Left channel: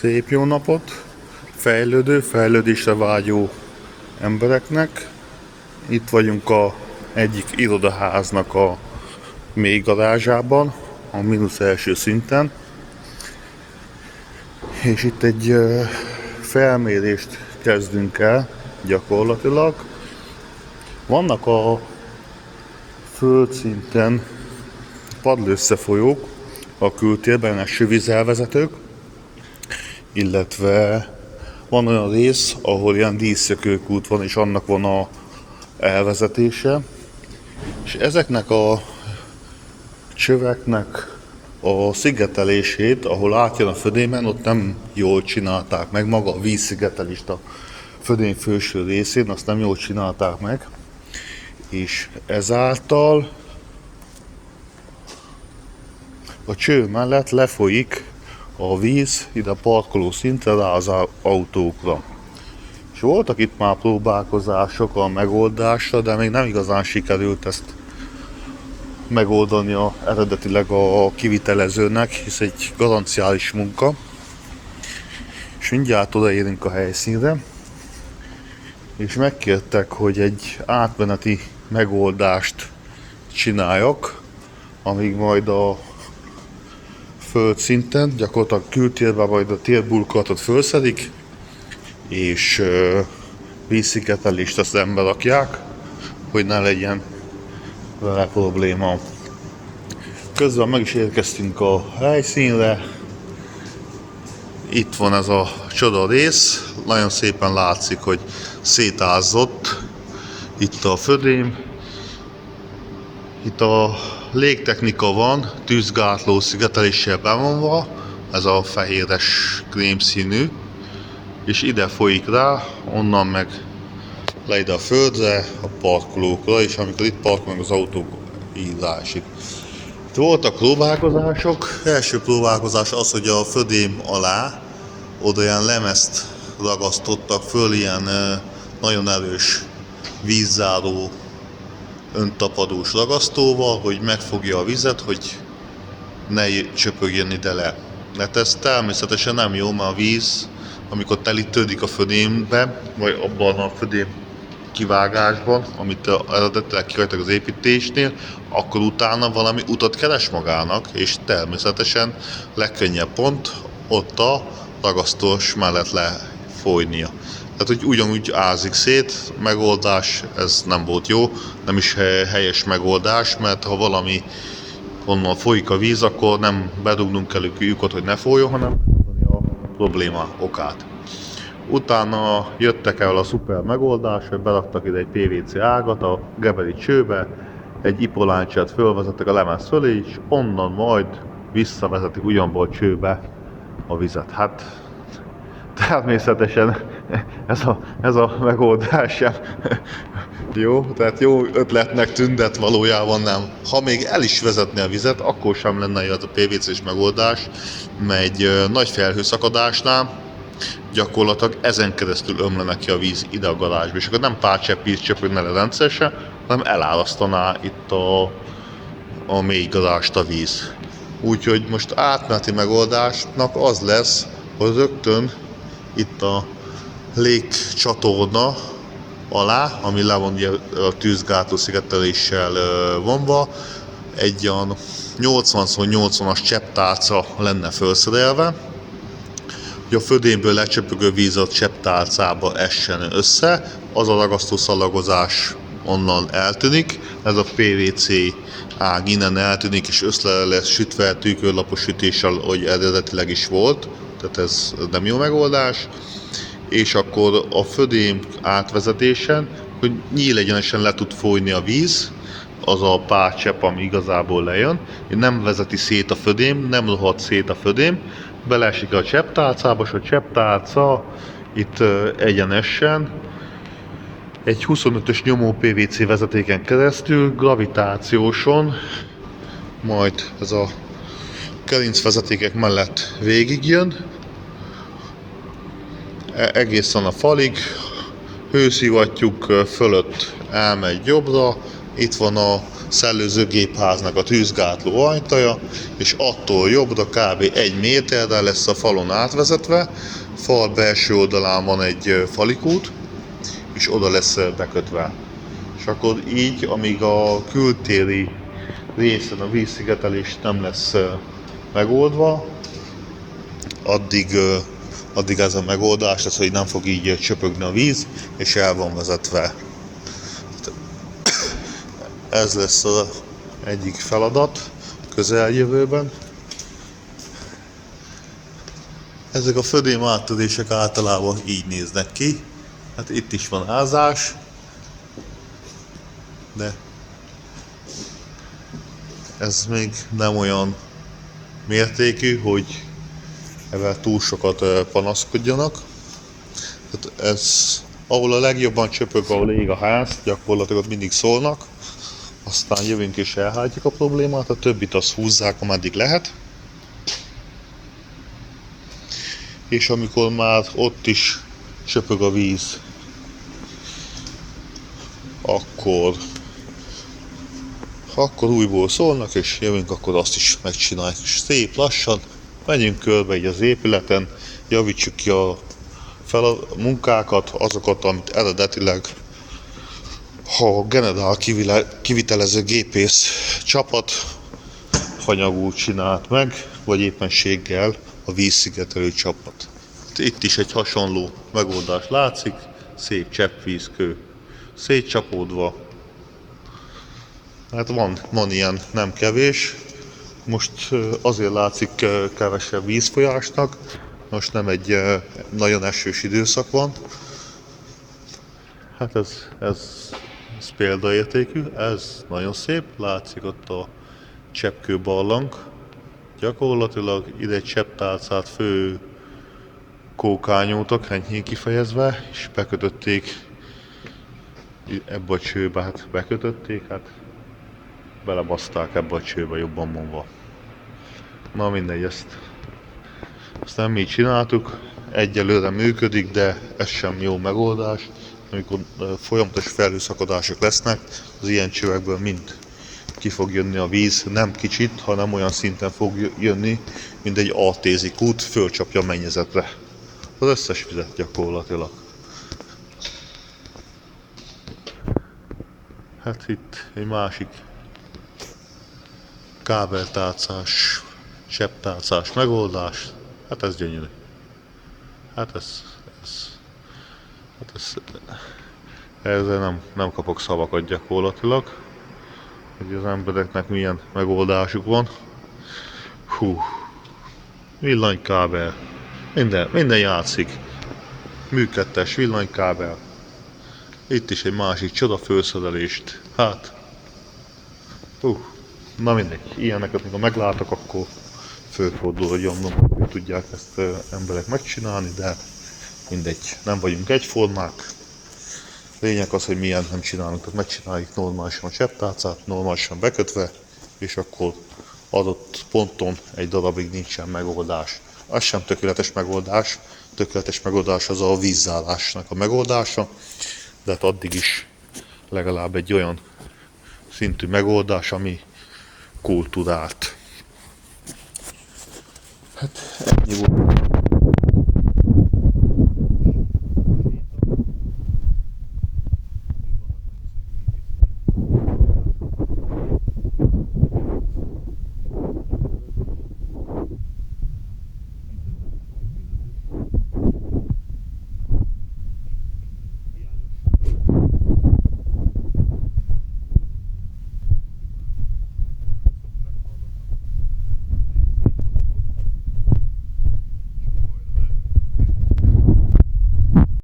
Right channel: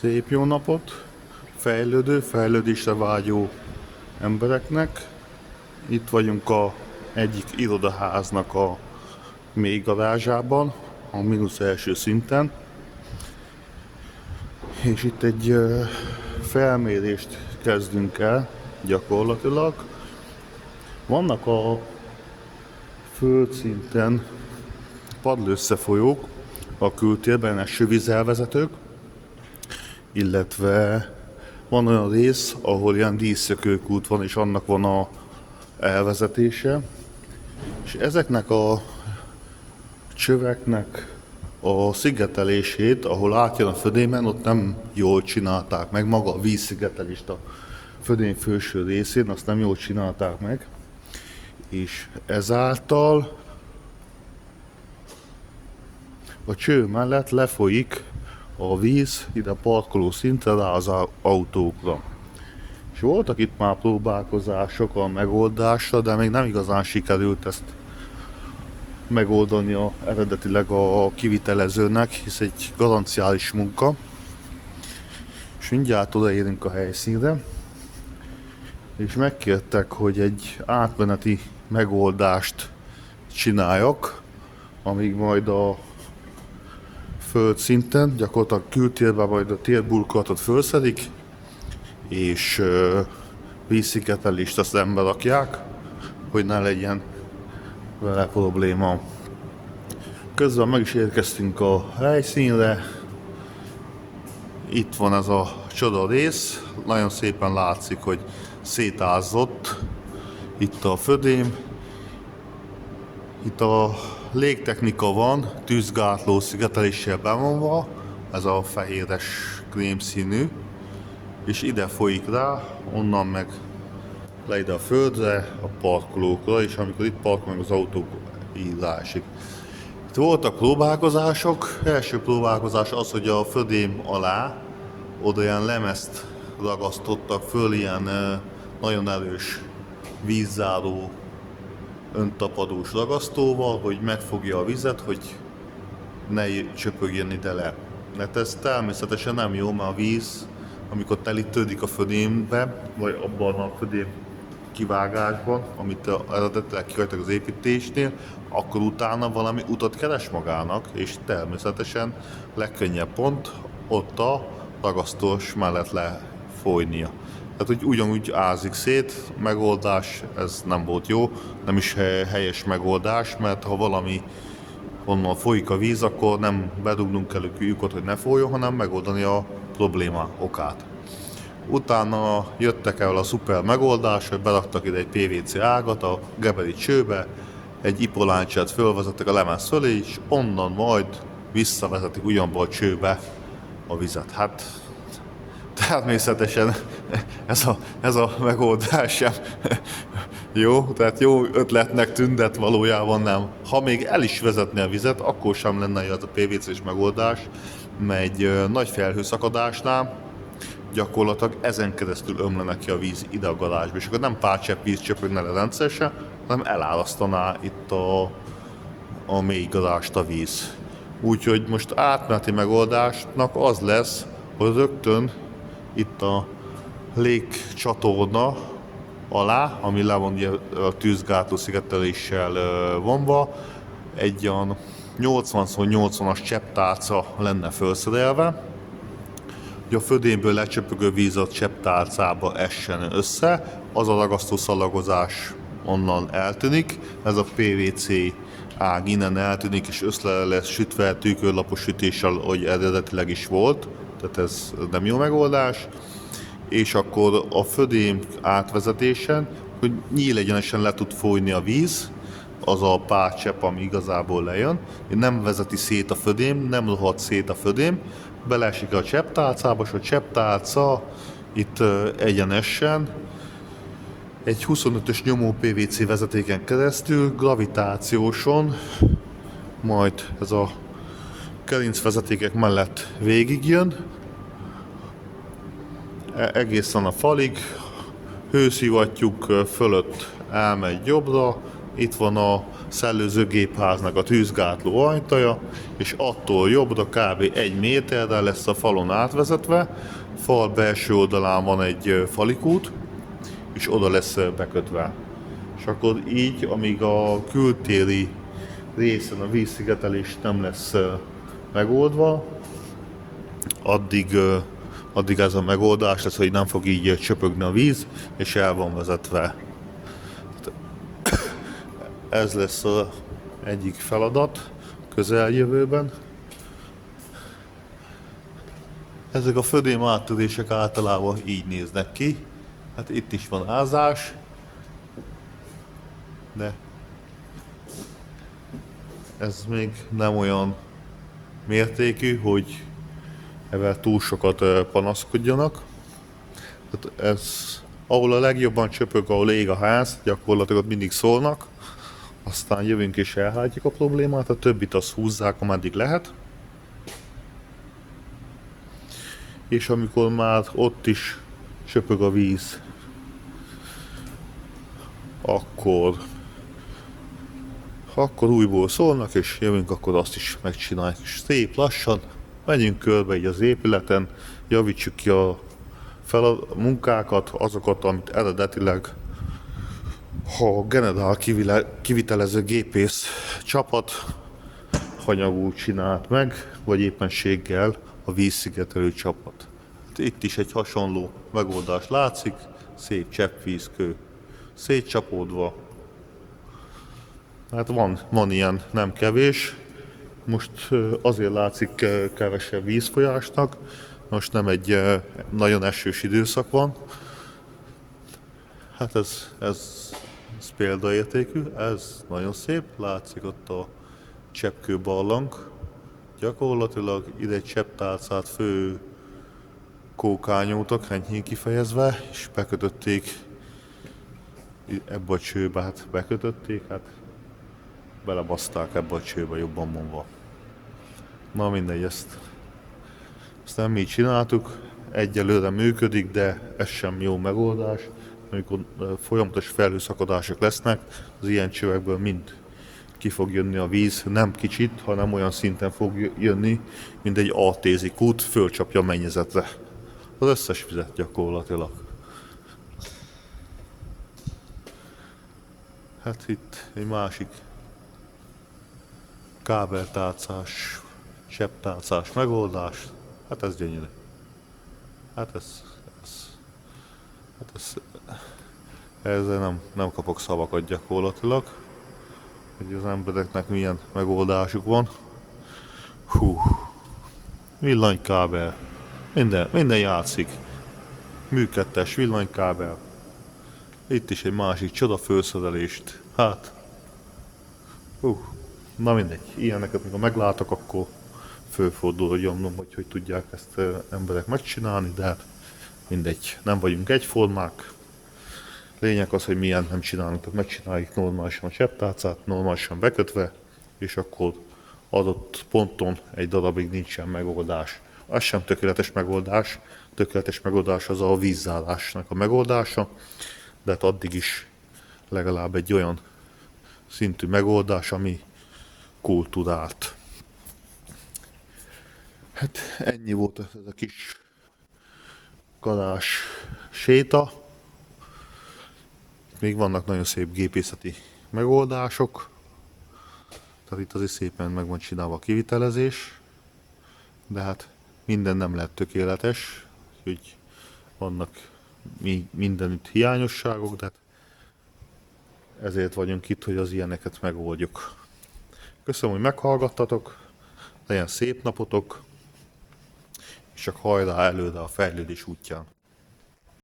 Szép jó napot! Fejlődésre vágyó embereknek. Itt vagyunk egyik irodaháznak a mély garázsában, a mínusz első szinten. És itt egy felmérést kezdünk el gyakorlatilag. Vannak a földszinten padlóösszefolyók a kültérben, eső vízelvezetők, illetve van olyan rész, ahol ilyen díszszökőkút van, és annak van a elvezetése. És ezeknek a csöveknek a szigetelését, ahol átjön a födémen, ott nem jól csinálták meg. Maga a vízszigetelést a födém felső részén, azt nem jól csinálták meg. És ezáltal a cső mellett lefolyik a víz ide a parkoló szintre rá az autókra. És voltak itt már próbálkozások a megoldásra, de még nem igazán sikerült ezt megoldani eredetileg a kivitelezőnek, hisz egy garanciális munka. És mindjárt odaérünk a helyszínre, és megkértek, hogy egy átmeneti megoldást csináljak, amíg majd a földszinten, gyakorlatilag kültérben majd a térburkolatot felszedik, és vízszigetelést azt ember rakják, hogy ne legyen vele probléma. Közben meg is érkeztünk a helyszínre. Itt van ez a csoda rész, nagyon szépen látszik, hogy szétázott itt a födém. Itt a légtechnika van, tűzgátló szigeteléssel bevonva, ez a fehéres krémszínű, és ide folyik rá, onnan meg le ide a földre, a parkolókra, és amikor itt parkol meg az autók, így rásik. Itt voltak próbálkozások. Első próbálkozás az, hogy a födém alá oda ilyen lemezt ragasztottak föl, ilyen nagyon erős vízzáró öntapadós ragasztóval, hogy megfogja a vizet, hogy ne csöpögjön ide le. Mert ez természetesen nem jó, mert a víz, amikor telítődik a födémbe, vagy abban a födém kivágásban, amit eredetileg kihagytak az építésnél, akkor utána valami utat keres magának, és természetesen legkönnyebb pont ott a ragasztós mellett lefolynia. Tehát, hogy ugyanúgy ázik szét, megoldás, ez nem volt jó, nem is helyes megoldás, mert ha valami onnan folyik a víz, akkor nem bedugnunk elő lyukat, hogy ne folyjon, hanem megoldani a probléma okát. Utána jöttek el a szuper megoldás, hogy beraktak ide egy PVC ágat a geberi csőbe, egy ipolánccsát fölvezettek a lemez fölé, és onnan majd visszavezetik ugyanból a csőbe a vizet. Hát természetesen ez a megoldás sem jó, tehát jó ötletnek tűnt, de valójában nem. Ha még el is vezetne a vizet, akkor sem lenne jó az a PVC-s megoldás, mert egy nagy felhőszakadásnál gyakorlatilag ezen keresztül ömlene ki a víz ide a garázsba, és akkor nem pár csepp víz csöpögne le rendszeresen, hanem elárasztaná itt a mély garást a víz. Úgyhogy most átmeneti megoldásnak az lesz, hogy rögtön itt a légcsatorna alá, ami le van a tűzgátló szigeteléssel vonva, egy olyan 80x80-as csepptálca lenne felszerelve, hogy a födémből lecsöpögő víz a csepptálcába essen össze, az a ragasztó szalagozás onnan eltűnik, ez a PVC ág innen eltűnik, és össze lesz sütve tűkörlapos sütéssel, hogy eredetileg is volt, tehát ez nem jó megoldás. És akkor a födém átvezetésen, hogy nyílegyenesen le tud folyni a víz, az a pár csepp, ami igazából lejön, nem vezeti szét a födém, nem rohad szét a födém, beleesik a csepptálcába, és a csepptálca itt egyenesen egy 25-ös nyomó PVC vezetéken keresztül gravitációson, majd ez a gerincvezetékek mellett végigjön, egészen a falig, hőszivattyúk fölött elmegy jobbra, itt van a szellőző gépháznak a tűzgátló ajtaja, és attól jobbra kb. 1 méterre lesz a falon átvezetve. Fal belső oldalán van egy falikút, és oda lesz bekötve. És akkor így, amíg a kültéri részen a vízszigetelés nem lesz megoldva, addig ez a megoldás lesz, hogy nem fog így csöpögni a víz, és el van vezetve. Ez lesz az egyik feladat közeljövőben. Ezek a födém áttörések általában így néznek ki. Hát itt is van házás, de ez még nem olyan mértékű, hogy ezzel túl sokat panaszkodjanak. Tehát ez, ahol a legjobban csöpög, ahol ég a ház, gyakorlatilag mindig szólnak, aztán jövünk és elhárítjuk a problémát, a többit azt húzzák, ameddig lehet. És amikor már ott is csöpög a víz, akkor újból szólnak, és jövünk, akkor azt is megcsináljuk. És szép lassan megyünk körbe így az épületen, javítsuk ki a munkákat, azokat, amit eredetileg a generál kivitelező gépész csapat hanyagul csinált meg, vagy éppenséggel a vízszigetelő csapat. Itt is egy hasonló megoldás látszik, szép cseppvízkő szétcsapódva. Hát van ilyen nem kevés. Most azért látszik kevesebb vízfolyásnak, most nem egy nagyon esős időszak van. Hát ez példaértékű, ez nagyon szép, látszik ott a cseppkő barlang. Gyakorlatilag ide egy csepptálcát fő kókányútok, enyhén kifejezve, és bekötötték ebbe a csőbe, hát bekötötték, hát belebaszták ebbe a csőbe, jobban mondva. Na mindegy, ezt nem mi csináltuk, egyelőre működik, de ez sem jó megoldás. Amikor folyamatos felhőszakadások lesznek, az ilyen csövekből mind ki fog jönni a víz, nem kicsit, hanem olyan szinten fog jönni, mint egy ATZ kút, fölcsapja a mennyezetre. Az összes vizet gyakorlatilag. Hát itt egy másik kábeltálcás, csepptálcás megoldás. Hát ez gyönyörű. Hát ezzel nem kapok szavakat gyakorlatilag, hogy az embereknek milyen megoldásuk van. Hú, villanykábel, minden játszik. Működtes villanykábel. Itt is egy másik csoda felszerelést. Hát, na mindegy, ilyeneket amikor meglátok, akkor fölfordul a gyomrom, hogy tudják ezt emberek megcsinálni, de mindegy, nem vagyunk egyformák. Lényeg az, hogy milyen nem csinálunk, tehát megcsináljuk normálisan a csepptálcát, normálisan bekötve, és akkor adott ponton egy darabig nincsen megoldás. Az sem tökéletes megoldás az a vízzárásnak a megoldása, de hát addig is legalább egy olyan szintű megoldás, ami kultúrált. Hát ennyi volt a kis garázs séta. Még vannak nagyon szép gépészeti megoldások. Tehát itt azért szépen meg van csinálva a kivitelezés. De hát minden nem lehet tökéletes. Úgy vannak mindenütt hiányosságok, de ezért vagyunk itt, hogy az ilyeneket megoldjuk. Köszönöm, hogy meghallgattatok. Legyen szép napotok. És csak hajrá előre a fejlődés útján.